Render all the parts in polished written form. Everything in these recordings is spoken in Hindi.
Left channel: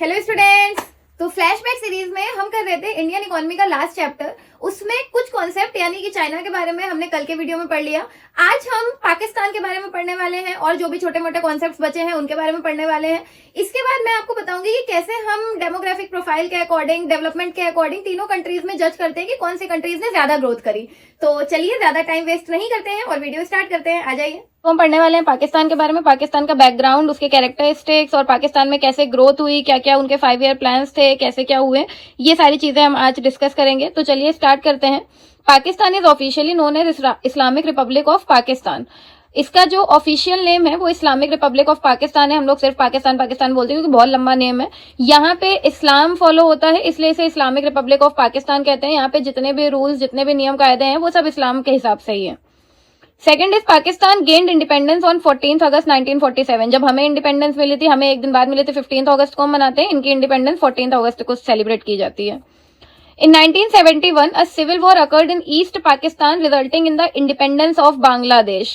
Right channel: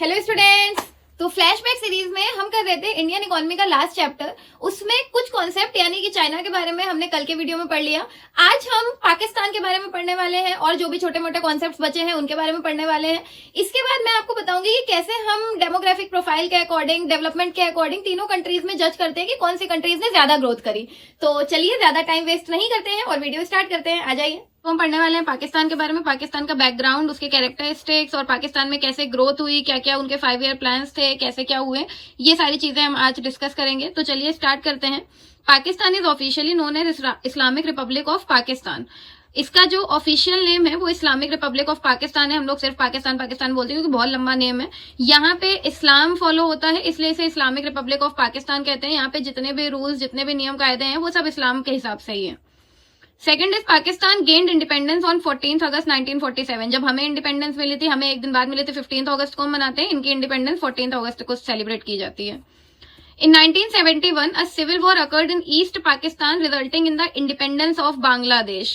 Hello students. तो फ्लैशबैक सीरीज में हम कर रहे थे इंडियन इकोनॉमी का लास्ट चैप्टर। उसमें कुछ कॉन्सेप्ट यानी कि चाइना के बारे में हमने कल के वीडियो में पढ़ लिया। आज हम पाकिस्तान के बारे में पढ़ने वाले हैं और जो भी छोटे मोटे कॉन्सेप्ट्स बचे हैं उनके बारे में पढ़ने वाले हैं। इसके बाद मैं आपको बताऊंगी कि कैसे हम डेमोग्राफिक प्रोफाइल के अकॉर्डिंग, डेवलपमेंट के अकॉर्डिंग तीनों कंट्रीज में जज करते हैं कि कौन सी कंट्रीज ने ज्यादा ग्रोथ करी। तो चलिए ज्यादा टाइम वेस्ट नहीं करते हैं और वीडियो स्टार्ट करते हैं। आ जाइए। तो हम पढ़ने वाले हैं पाकिस्तान के बारे में, पाकिस्तान का बैकग्राउंड, उसके कैरेक्टरिस्टिक्स और पाकिस्तान में कैसे ग्रोथ हुई, क्या क्या उनके 5 ईयर प्लान्स थे, कैसे क्या हुए, ये सारी चीजें हम आज डिस्कस करेंगे। तो चलिए स्टार्ट करते हैं। Pakistan is officially known as Islamic Republic of Pakistan. इसका जो ऑफिशियल नेम है वो इस्लामिक रिपब्लिक ऑफ पाकिस्तान है। हम लोग सिर्फ पाकिस्तान पाकिस्तान बोलते हैं क्योंकि बहुत लंबा नेम है। यहाँ पे इस्लाम फॉलो होता है इसलिए इसे इस्लामिक रिपब्लिक ऑफ पाकिस्तान कहते हैं। यहाँ पे जितने भी रूल्स, जितने भी नियम कायदे हैं वो सब इस्लाम के हिसाब से ही है। Second is Pakistan gained independence on 14 अगस्त 1947। जब हमें इंडिपेंडेंस मिली थी, हमें एक दिन बाद मिली थी, 15 अगस्त को हम मनाते हैं। इनकी इंडिपेंडेंस 14 अगस्त को सेलिब्रेट की जाती है। In 1971, a civil war occurred in East Pakistan, resulting in the independence of Bangladesh.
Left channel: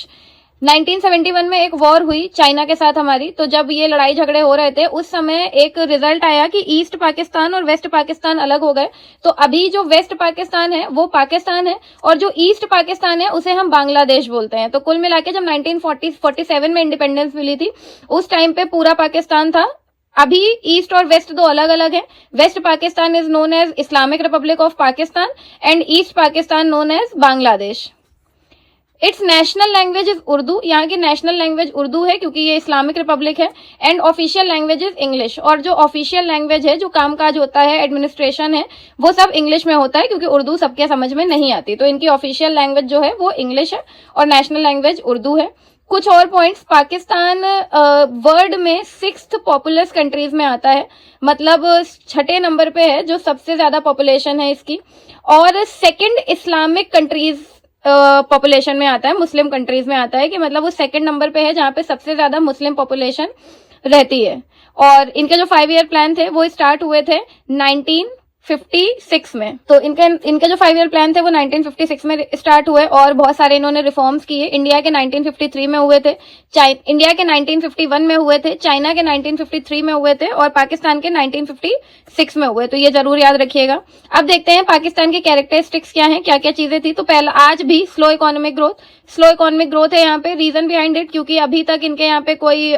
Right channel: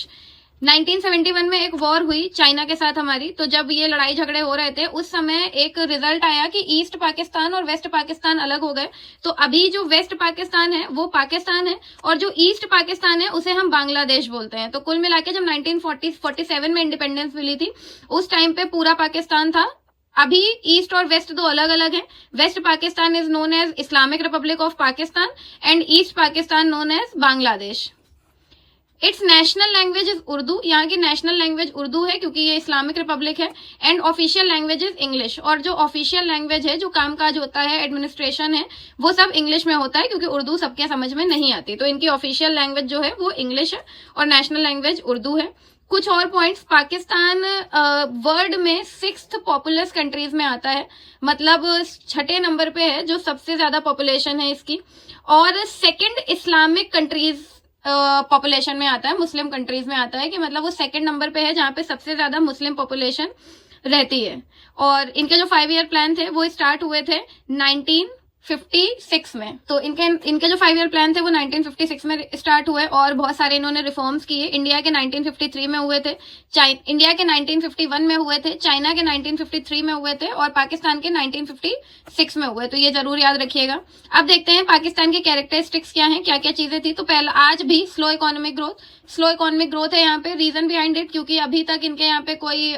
1971 में एक वॉर हुई चाइना के साथ हमारी। तो जब ये लड़ाई झगड़े हो रहे थे उस समय एक रिजल्ट आया कि ईस्ट पाकिस्तान और वेस्ट पाकिस्तान अलग हो गए। तो अभी जो वेस्ट पाकिस्तान है वो पाकिस्तान है और जो ईस्ट पाकिस्तान है उसे हम बांग्लादेश बोलते हैं। तो कुल मिला के जब 1947 में इंडिपेंडेंस मिली थी उस टाइम पे पूरा पाकिस्तान था। अभी ईस्ट और वेस्ट दो अलग अलग है। West Pakistan is known as Islamic Republic of Pakistan and East Pakistan known as Bangladesh. Its national language is Urdu. यहाँ की नेशनल लैंग्वेज उर्दू है क्योंकि ये इस्लामिक रिपब्लिक है। And official language is English. और जो ऑफिशियल लैंग्वेज है, जो कामकाज होता है, एडमिनिस्ट्रेशन है, वो सब इंग्लिश में होता है क्योंकि उर्दू सबके समझ में नहीं आती। तो इनकी ऑफिशियल लैंग्वेज जो है वो इंग्लिश है और नेशनल लैंग्वेज उर्दू है। कुछ और पॉइंट्स, पाकिस्तान वर्ल्ड में 6th पॉपुलस कंट्रीज में आता है, मतलब 6ठे नंबर पे है जो सबसे ज्यादा पॉपुलेशन है इसकी। और सेकंड इस्लामिक कंट्रीज पॉपुलेशन में आता है, मुस्लिम कंट्रीज में आता है कि मतलब वो 2nd नंबर पे है जहां पे सबसे ज्यादा मुस्लिम पॉपुलेशन रहती है। और इनके जो 5 ईयर प्लान थे वो स्टार्ट हुए थे 1956 में। तो इनके जो 5 ईयर प्लान थे वो 1956 में स्टार्ट हुए और बहुत सारे इन्होंने रिफॉर्म्स किए। इंडिया के 1953 में हुए थे, इंडिया के 1951 में हुए थे, चाइना के 1953 में हुए थे और पाकिस्तान के 1956 में हुए। तो ये जरूर याद रखिएगा। अब देखते हैं पाकिस्तान की कैरेक्टरिस्टिक्स क्या हैं, क्या क्या चीजें थी। तो पहला, आज भी स्लो इकोनॉमिक ग्रोथ है यहाँ पे। रीजन बिहाइंड इट, क्योंकि अभी तक इनके यहाँ पे कोई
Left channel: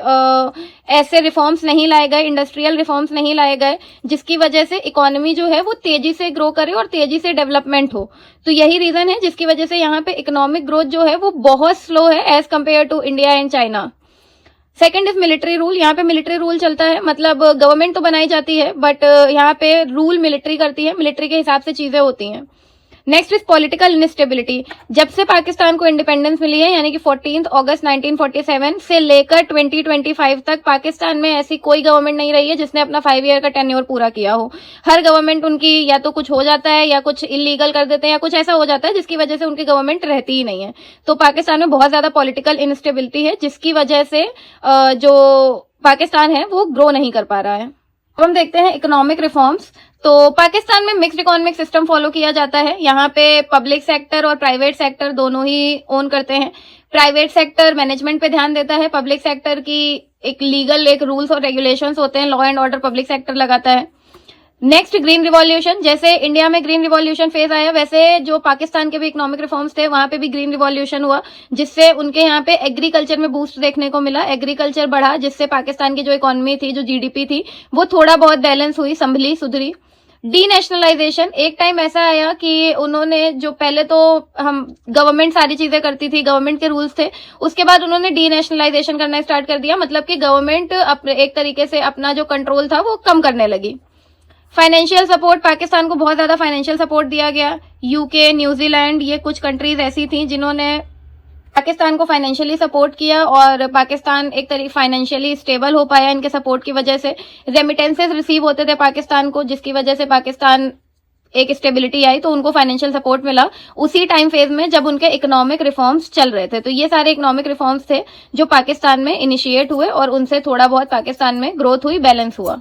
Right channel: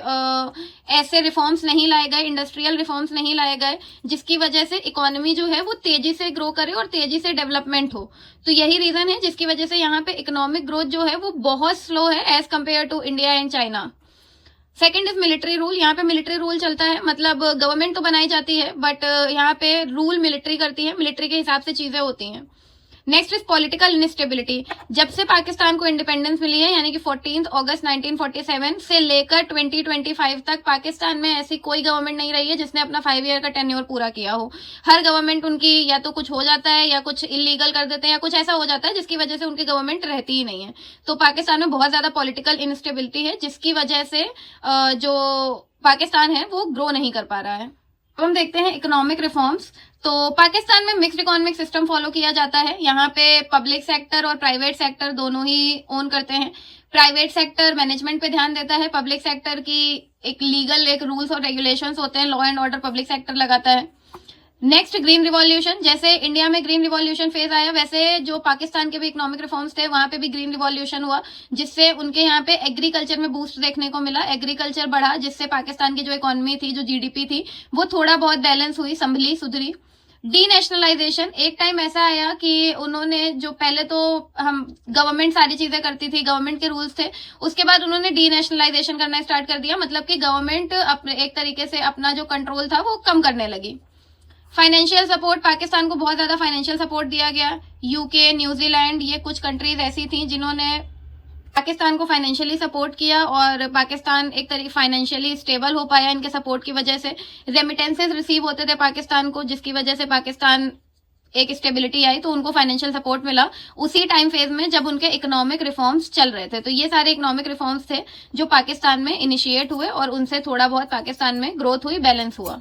ऐसे रिफॉर्म्स नहीं लाए गए, इंडस्ट्रियल रिफॉर्म्स नहीं लाए गए जिसकी वजह से इकोनॉमी जो है वो तेजी से ग्रो करे और तेजी से डेवलपमेंट हो। तो यही रीजन है जिसकी वजह से यहाँ पे इकोनॉमिक ग्रोथ जो है वो बहुत स्लो है as compare to India and China. Second is military rule. यहाँ पे मिलिट्री रूल चलता है, मतलब गवर्नमेंट तो बनाई जाती है बट यहाँ पे रूल मिलिट्री करती है, मिलिट्री के हिसाब से चीजें होती हैं। Next is political instability. जब से पाकिस्तान को इंडिपेंडेंस मिली है यानी कि 14 अगस्त 1947 से लेकर 2025 तक पाकिस्तान में ऐसी कोई गवर्नमेंट नहीं रही है जिसने अपना 5 ईयर का टेन्योर पूरा किया हो। हर गवर्नमेंट उनकी या तो कुछ हो जाता है या कुछ इलीगल कर देते हैं या कुछ ऐसा हो जाता है जिसकी वजह से उनकी गवर्नमेंट रहती ही नहीं है। तो पाकिस्तान में बहुत ज्यादा पॉलिटिकल इनस्टेबिलिटी है जिसकी वजह से जो पाकिस्तान है वो ग्रो नहीं कर पा रहा है। अब हम देखते हैं इकोनॉमिक रिफॉर्म्स। तो पाकिस्तान में मिक्स्ड इकोनॉमिक सिस्टम फॉलो किया जाता है। यहाँ पे पब्लिक सेक्टर और प्राइवेट सेक्टर दोनों ही ओन करते हैं। प्राइवेट सेक्टर मैनेजमेंट पे ध्यान देता है, पब्लिक सेक्टर की एक लीगल एक रूल्स और रेगुलेशंस होते हैं, law and order public sector लगाता है। Next green revolution. जैसे इंडिया में ग्रीन रिवॉल्यूशन फेज आया वैसे जो पाकिस्तान के भी इकोनॉमिक रिफॉर्म्स थे वहां पे भी ग्रीन रिवॉल्यूशन हुआ जिससे उनके यहाँ पे एग्रीकल्चर में बूस्ट देखने को मिला, एग्रीकल्चर बढ़ा जिससे पाकिस्तान की जो इकोनॉमी थी, जो जीडीपी थी, वो थोड़ा बहुत बैलेंस हुई, संभली, सुधरी। D nationalisation. एक टाइम ऐसा आया कि उन्होंने जो पहले तो हम गवर्नमेंट सारी चीजें करती थी, गवर्नमेंट के रूल्स थे, उसके बाद उन्होंने डी नेशनलाइजेशन करना स्टार्ट कर दिया, मतलब कि गवर्नमेंट अपने एक तरीके से अपना जो कंट्रोल था वो कम करने लगी। फाइनेंशियल सपोर्ट, पाकिस्तान को बहुत ज्यादा फाइनेंशियल सपोर्ट दिया गया। यूके, न्यूजीलैंड, ये कुछ कंट्रीज ऐसी थी जिन्होंने पाकिस्तान को फाइनेंशियली सपोर्ट किया और पाकिस्तान एक तरीके फाइनेंशियली स्टेबल हो पाया इनके सपोर्ट की वजह से। रेमिटेंसेस रिसीव होते थे पाकिस्तान को जिसकी वजह से पाकिस्तान एक स्टेबिलिटी आई, तो उनको फाइनेंशियल सपोर्ट मिला उसी टाइम फेज में जब उनके इकोनॉमिक रिफॉर्म्स चल रहे थे। तो ये सारे इकोनॉमिक रिफॉर्म्स थे जो पाकिस्तान में इनिशिएट हुए और उनसे थोड़ा बहुत पाकिस्तान में ग्रोथ हुई, बैलेंस हुआ।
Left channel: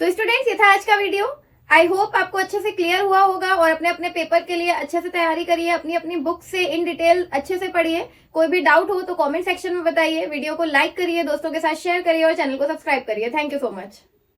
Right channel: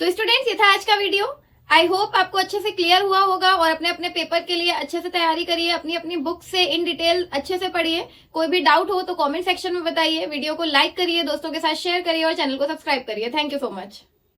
तो स्टूडेंट्स, ये था आज का वीडियो। आई होप आपको अच्छे से क्लियर हुआ होगा और अपने अपने पेपर के लिए अच्छे से तैयारी करिए, अपनी अपनी बुक से इन डिटेल अच्छे से पढ़िए। कोई भी डाउट हो तो कमेंट सेक्शन में बताइए, वीडियो को लाइक करिए, दोस्तों के साथ शेयर करिए और चैनल को सब्सक्राइब करिए। Thank you so much.